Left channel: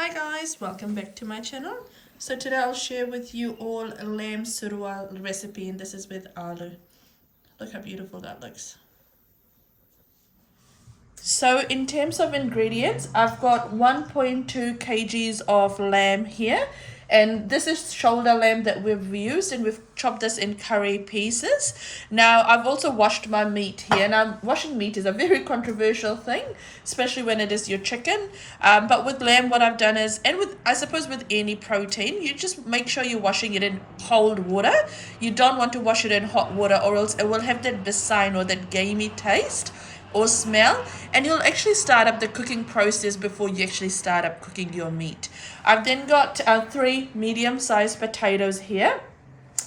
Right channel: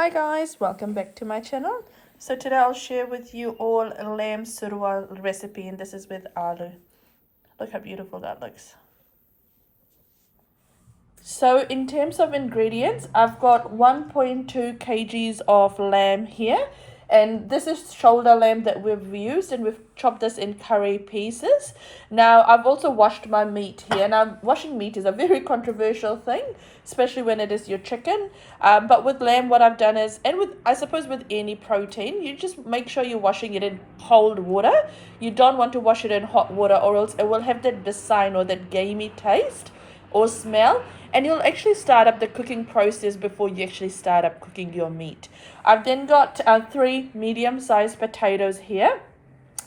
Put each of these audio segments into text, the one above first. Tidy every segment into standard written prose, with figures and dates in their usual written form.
Hi guys, welcome back to my channel. So today I'll share with you all a lamb surwa recipe, and this is with aloo. Look how beautiful that looks. So in terms of ingredients, I've got 1.2 kgs of lamb here, and this is shoulder lamb that we've used, and we've chopped this in curry pieces. Now I've also washed my meat here. Now washing meat is a very controversial thing, especially when it is your chicken, but with lamb what I've done is, and with I suppose with any protein, you just make sure you're washing it in cold water. You don't want to wash it in hot water, or else it will have that besine or that gamey taste or smell, and you'll actually start up the cooking process before you actually start up cooking your meat. I've then got 3 medium-sized potatoes here,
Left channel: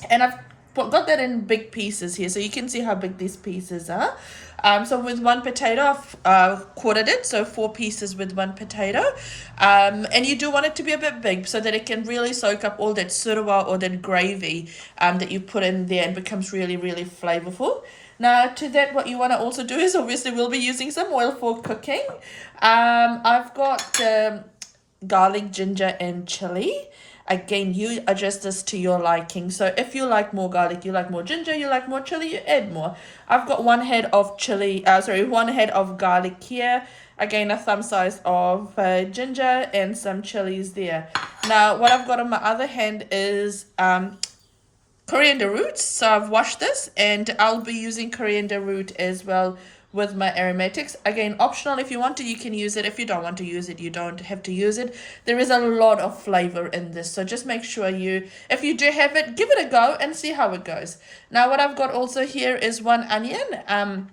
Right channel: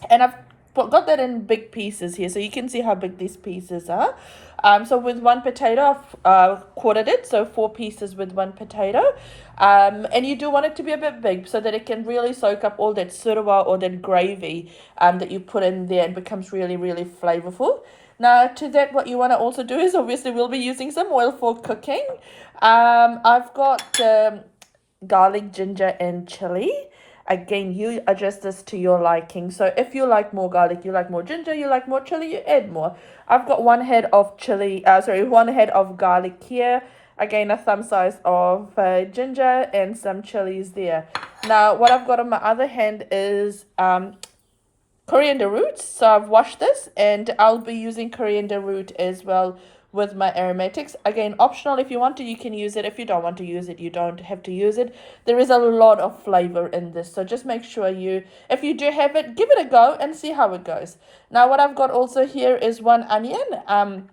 and I've got that in big pieces here, so you can see how big these pieces are. So with one potato, I've quartered it, so 4 pieces with one potato. And you do want it to be a bit big so that it can really soak up all that surwa or that gravy that you put in there, and becomes really, really flavorful. Now to that, what you want to also do is, obviously we'll be using some oil for cooking. I've got garlic, ginger and chili. Again, you adjust this to your liking. So if you like more garlic, you like more ginger, you like more chili, you add more. I've got 1 head of chili, 1 head of garlic here. Again, a thumb size of ginger and some chilies there. Now what I've got on my other hand is coriander roots. So I've washed this, and I'll be using coriander root as well with my aromatics. Again, optional. If you want to, you can use it. If you don't want to use it, you don't have to use it. There is a lot of flavor in this, so just make sure if you do have it, give it a go and see how it goes. Now what I've got also here is 1 onion,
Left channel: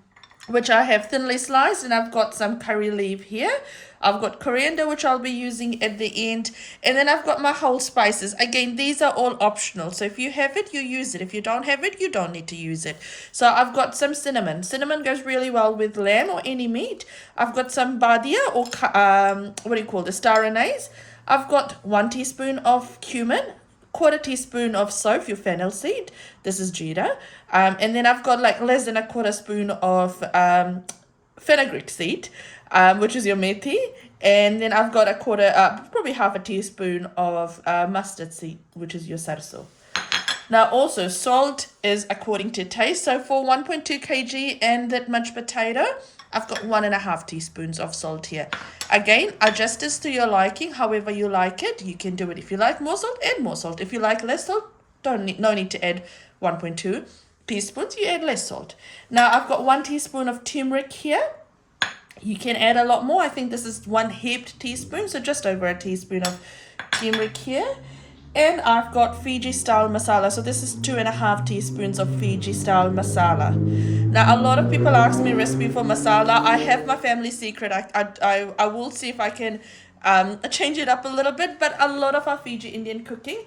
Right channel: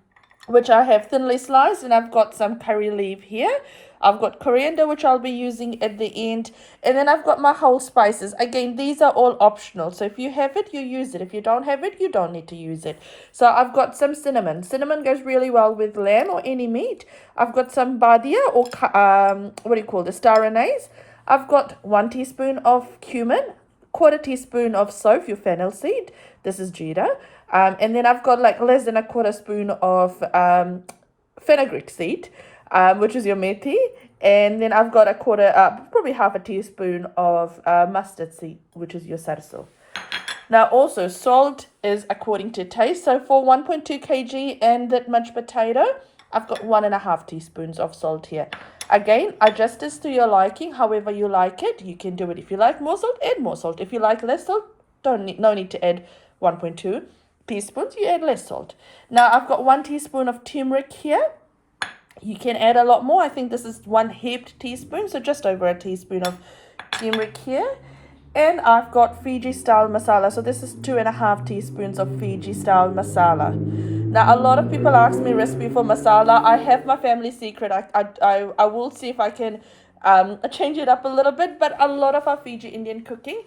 which I have thinly sliced, and I've got some curry leaf here. I've got coriander, which I'll be using at the end, and then I've got my whole spices. Again, these are all optional, so if you have it, you use it. If you don't have it, you don't need to use it. So I've got some cinnamon. Cinnamon goes really well with lamb or any meat. I've got some badia, or what do you call this, star anise. I've got 1 teaspoon of cumin, 1/4 teaspoon of soph, your fennel seed. This is jeera. And then I've got like less than 1/4 spoon of fenugreek seed, which is your methi. And then I've got probably 1/2 teaspoon of mustard seed, which is your sarso. Now also, salt is according to taste. So for 1.2 kg and that much potato, I've got 1.5 teaspoons of salt here. Again, adjust this to your liking, however you like it. You can do it. If you like more salt, add more salt. If you like less salt, no need to add 1.2 teaspoons, you add less salt. Now I've got 1 teaspoon of turmeric here. You can add a lot more. I think this is 1 heaped teaspoon, so just over a teaspoon of turmeric here. And I've got Fiji style masala. So this is 2.5 teaspoons of Fiji style masala. Now a lot of people ask me recipe for masala. I have my family secret. I will see if I can change it up a little bit, but a lot of our Fiji Indian cooking,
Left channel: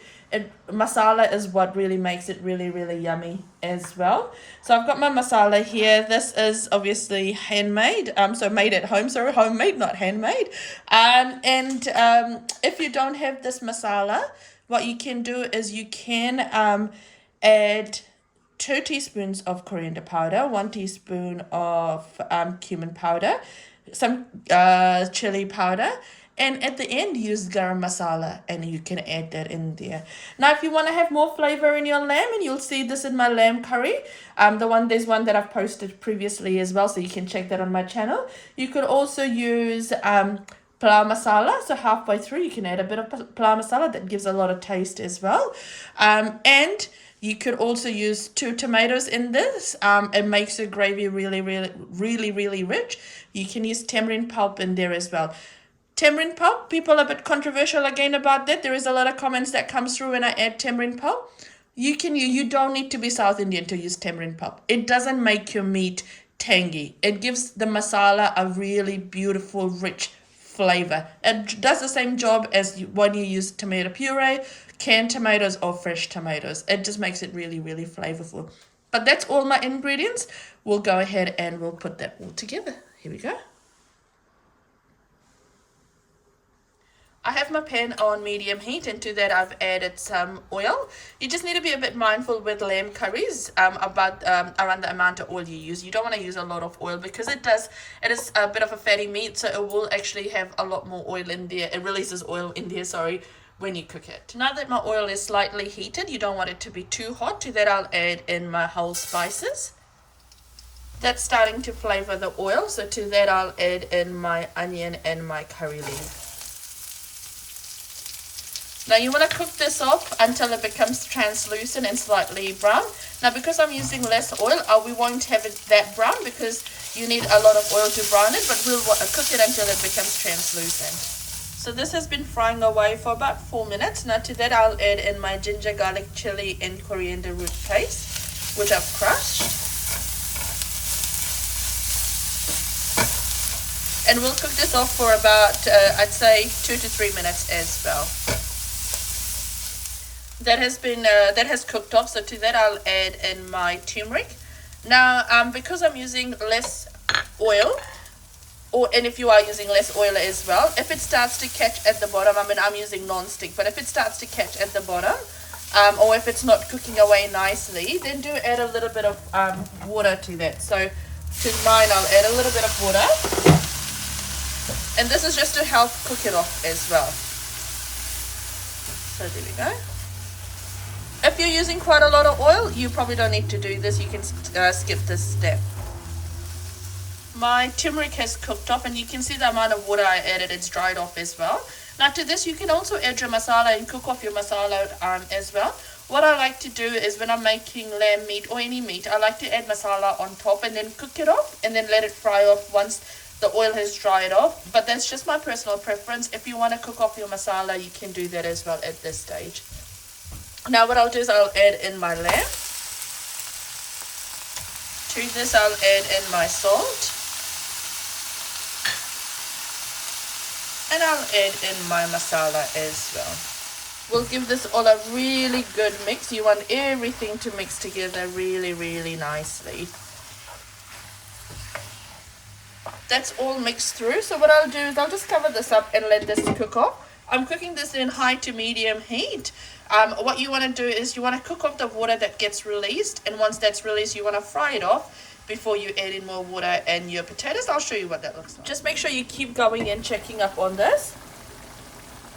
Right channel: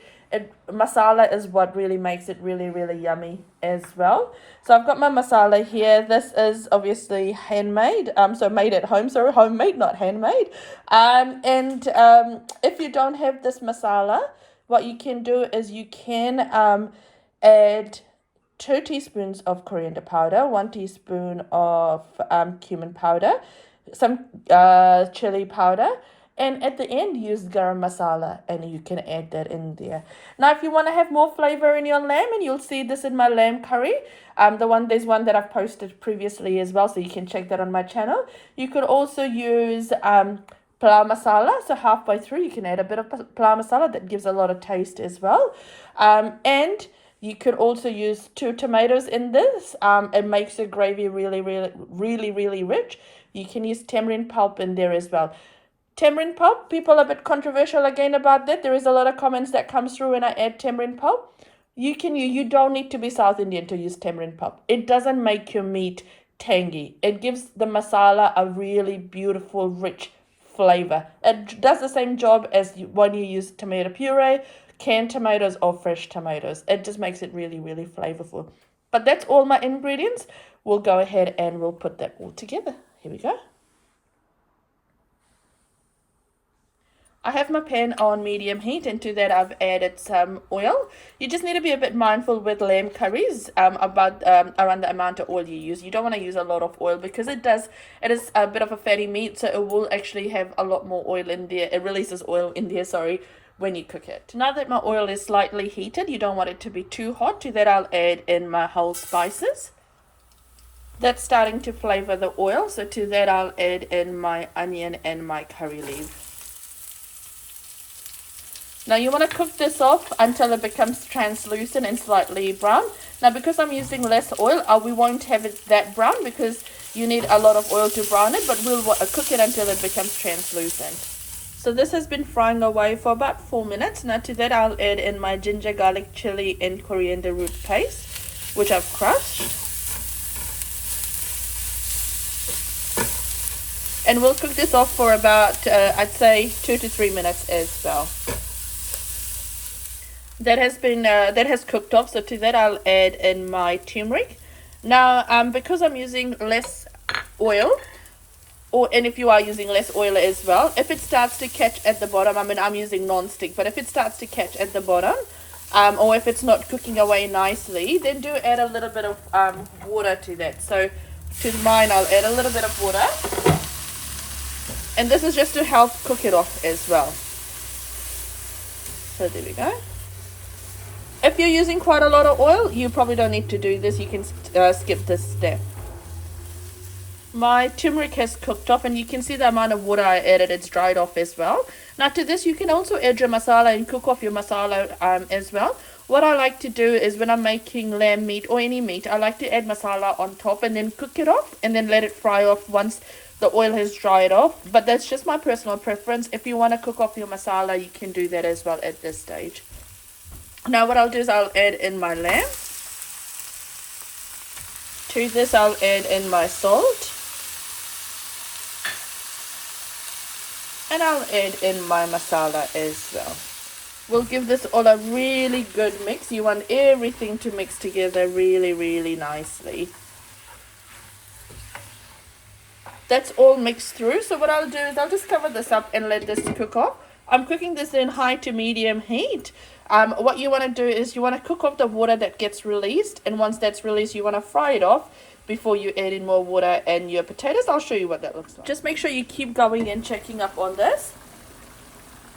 masala is what really makes it really, really yummy as well. So I've got my masala here. This is obviously handmade, so made at home, sorry, homemade, not handmade. And if you don't have this masala, what you can do is you can add 2 teaspoons of coriander powder, 1 teaspoon of cumin powder, some chili powder, and at the end use garam masala, and you can add that in there. Now if you want to have more flavor in your lamb, and you'll see this in my lamb curry, there's one that I've posted previously as well, so you can check that on my channel. You could also use plau masala, so halfway through you can add a bit of plau masala. That gives a lot of taste as well. And you could also use 2 tomatoes in this. It makes the gravy really, really, really, really rich. You can use tamarind pulp in there as well. Tamarind pulp, people are a bit controversial again about that. There is a lot of comments that comes through when I add tamarind pulp. You don't need to be South Indian to use tamarind pulp. It doesn't make your meat tangy. It gives the masala a really beautiful, rich flavor. It does the same job as when you use tomato puree, canned tomatoes or fresh tomatoes. It just makes it really, really flavorful. But that's all my ingredients. We'll go ahead and we'll put that all together. Here we go. I have my pan on medium heat, and to that I've added some oil. You just need to be a bit mindful with lamb curries about around the amount of oil you use. You don't want to use a lot of oil because it is a bit of a fatty meat, so it will actually have a lot more oil in there. It releases oil in there, sorry, when you cook it. Now that my oil is slightly heated, you don't want it to be too hot. To that I'll add in my whole spices. That's starting to flavor the oil, so to that I'll add in my onion and my curry leaf. Now you want to cook this off until it becomes translucent and slightly brown. Now because I'm using less oil, we won't have it that brown because you need a lot of oil to brown it, but we'll cook it until it becomes translucent. So this has been frying away for about 4 minutes. Now to that I'll add in my ginger, garlic, chili and coriander root paste, which I've crushed. And we'll cook this off for about, I'd say 2 to 3 minutes as well. That has cooked off, so to that I'll add in my turmeric. Now because I'm using less oil, and if you are using less oil as well, if it starts to catch at the bottom, I mean I'm using non-stick, but if it starts to catch at the bottom, or if it's not cooking away nicely, then do add a little bit of water to that. So to mine I'll add a little bit of water, and this is just to help cook it off as well. So there we go. If you're using quite a lot of oil, you probably don't need to do this. You can skip this step. My turmeric has cooked up, and you can see the amount of water I added. It's dried off as well. Now to this, you can also add your masala and cook off your masala as well. What I like to do is when I'm making lamb meat or any meat, I like to add masala on top and then cook it off and then let it fry off once the oil has dried off. But that's just my personal preference. If you want to cook off your masala, you can do that as well at this stage. Now what I'll do is I'll add in my lamb. To this I'll add in my salt. And I'll add in my masala as well. We'll give this all a really good mix. You want everything to mix together really, really nicely. That's all mixed through. So what I'll do is I'll just cover this up and let this cook off. I'm cooking this in high to medium heat. What you want to do is you want to cook off the water that gets released, and once that's released you want to fry it off before you add in more water and your potatoes. I'll show you what that looks like. Just make sure you keep going and checking up on this.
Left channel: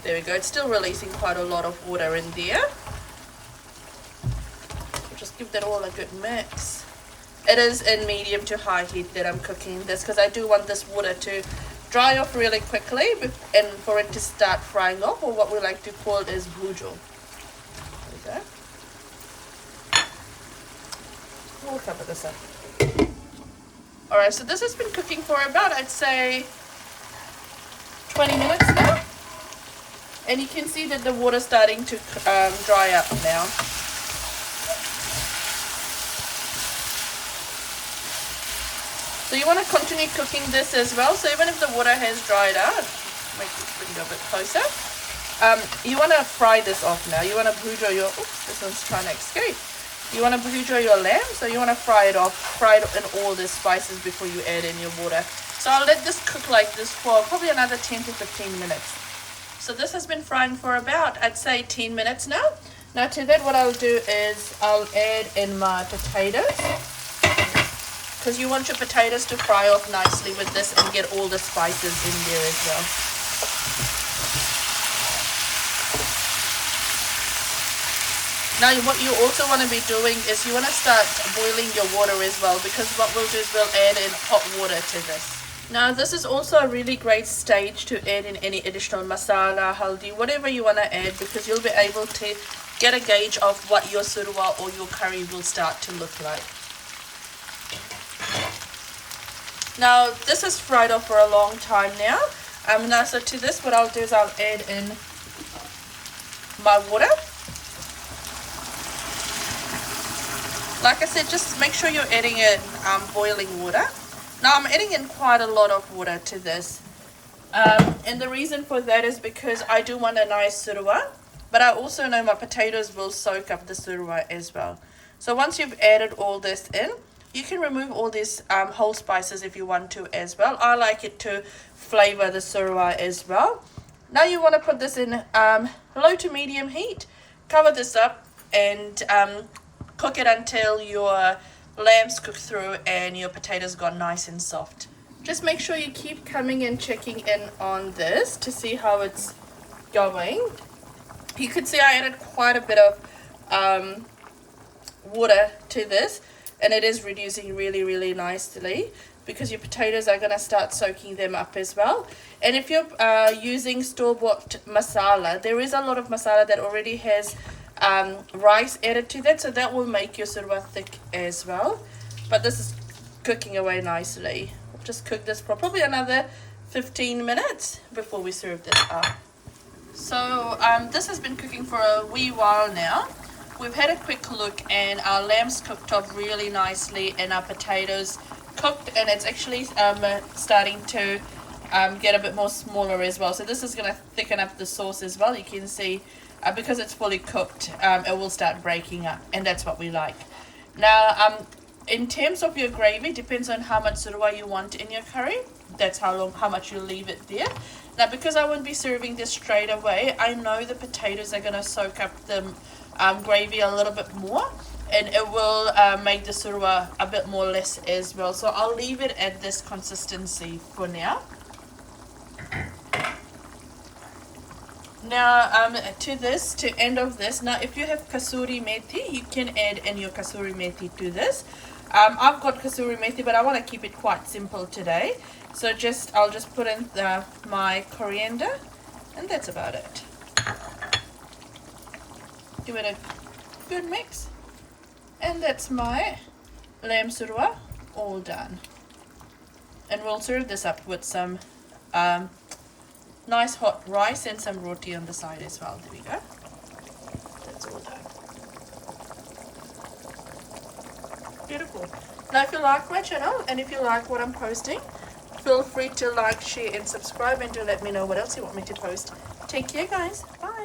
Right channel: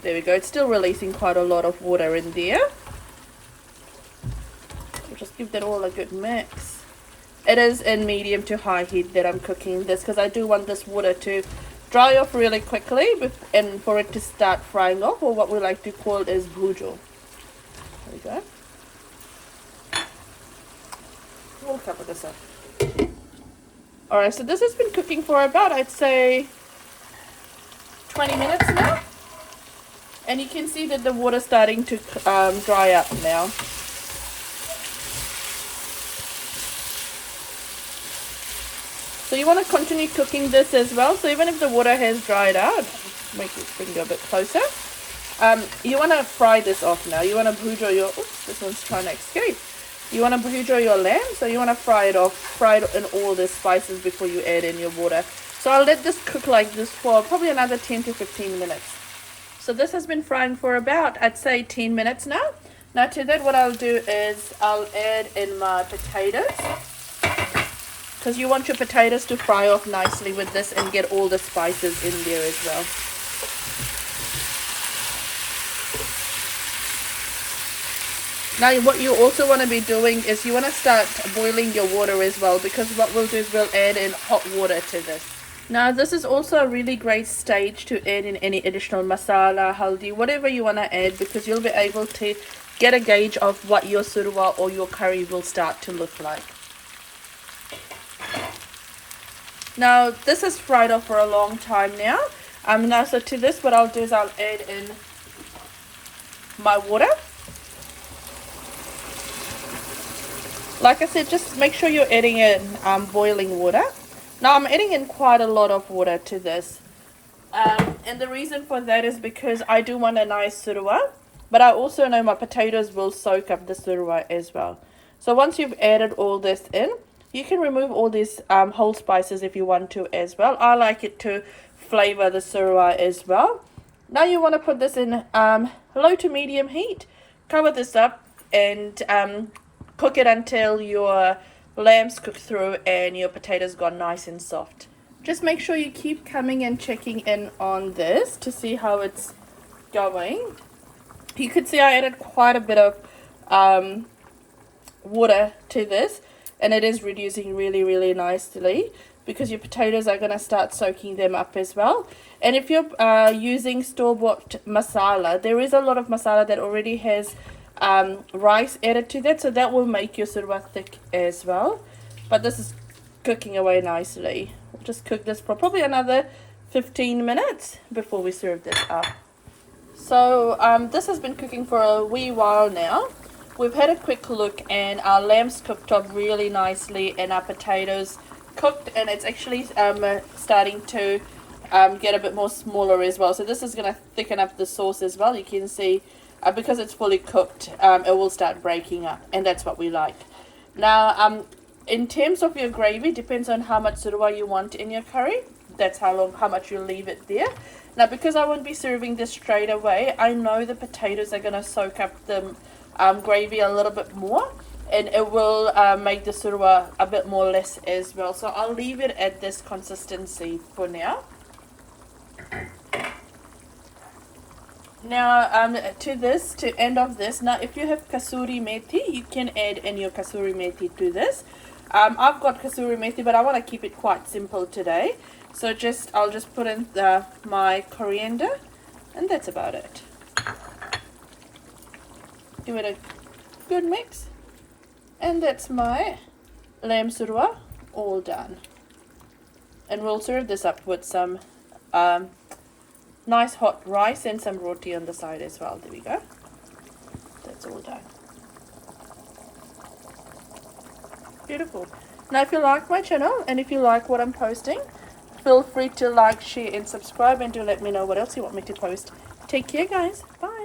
There we go, it's still releasing quite a lot of water in there. So just give that all a good mix. It is in medium to high heat that I'm cooking this because I do want this water to dry off really quickly and for it to start frying off, or what we like to call it is bujo. There we go. We'll cover this up. Alright, so this has been cooking for about, I'd say, 20 minutes now. And you can see that the water's starting to dry up now. So you want to continue cooking this as well. So even if the water has dried out, make it bring it a bit closer. You want to fry this off now. You want to bujo your, oops, this one's trying to escape. You want to bujo your lamb, so you want to fry it off, fry it in all the spices before you add in your water. So I'll let this cook like this for probably another 10 to 15 minutes. So this has been frying for about, I'd say, 10 minutes now. Now to that, what I'll do is I'll add in my potatoes, because you want your potatoes to fry off nicely with this and get all the spices in there as well. Now what you also want to be doing is you want to start boiling your water as well, because what we'll do is we'll add in hot water to this. Now this is also a really great stage to add in any additional masala, haldi, whatever you want to add, because you'll be able to get a gauge of what your surwa or your curry will start to look like. Now this is fried off for a long time now. Now so to this, what I'll do is I'll add in my water. Like I said, just make sure you're adding in boiling water. Now I'm adding in quite a lot of water to this. And the reason for that is because I do want a nice surwa, but I also know my potatoes will soak up the surwa as well. So once you've added all this in, you can remove all these whole spices if you want to as well. I like it to flavor the surwa as well. Now you want to put this in low to medium heat. Cover this up and cook it until your lamb's cooked through and your potatoes got nice and soft. Just make sure you keep coming and checking in on this to see how it's going. You could see I added quite a bit of water to this, and it is reducing really nicely because your potatoes are going to start soaking them up as well. And if you're using store-bought masala, there is a lot of masala that already has rice added to that, so that will make your surwa thick as well. But this is cooking away nicely. We'll just cook this for probably another 15 minutes before we serve this up. So this has been cooking for a wee while now. We've had a quick look and our lamb's cooked up really nicely and our potatoes cooked, and it's actually starting to get a bit more smaller as well. So this is going to thicken up the sauce as well. You can see because it's fully cooked, it will start breaking up, and that's what we like. Now in terms of your gravy, depends on how much surwa you want in your curry. That's how much you leave it there. Now because I won't be serving this straight away, I know the potatoes are going to soak up the gravy a little bit more, and it will make the surwa a bit more less as well. So I'll leave it at this consistency for now. Now to end of this, now if you have kasuri methi, you can add in your kasuri methi to this. I've got kasuri methi, but I want to keep it quite simple today, so I'll just put in my coriander, and that's about it. Give it a good mix, and that's my lamb surwa all done. And we'll serve this up with some nice hot rice and some roti on the side as well. There we go. That's all done. Beautiful. Now if you like my channel and if you like what I'm posting, feel free to like, share and subscribe, and to let me know what else you want me to post. Take care guys. Bye.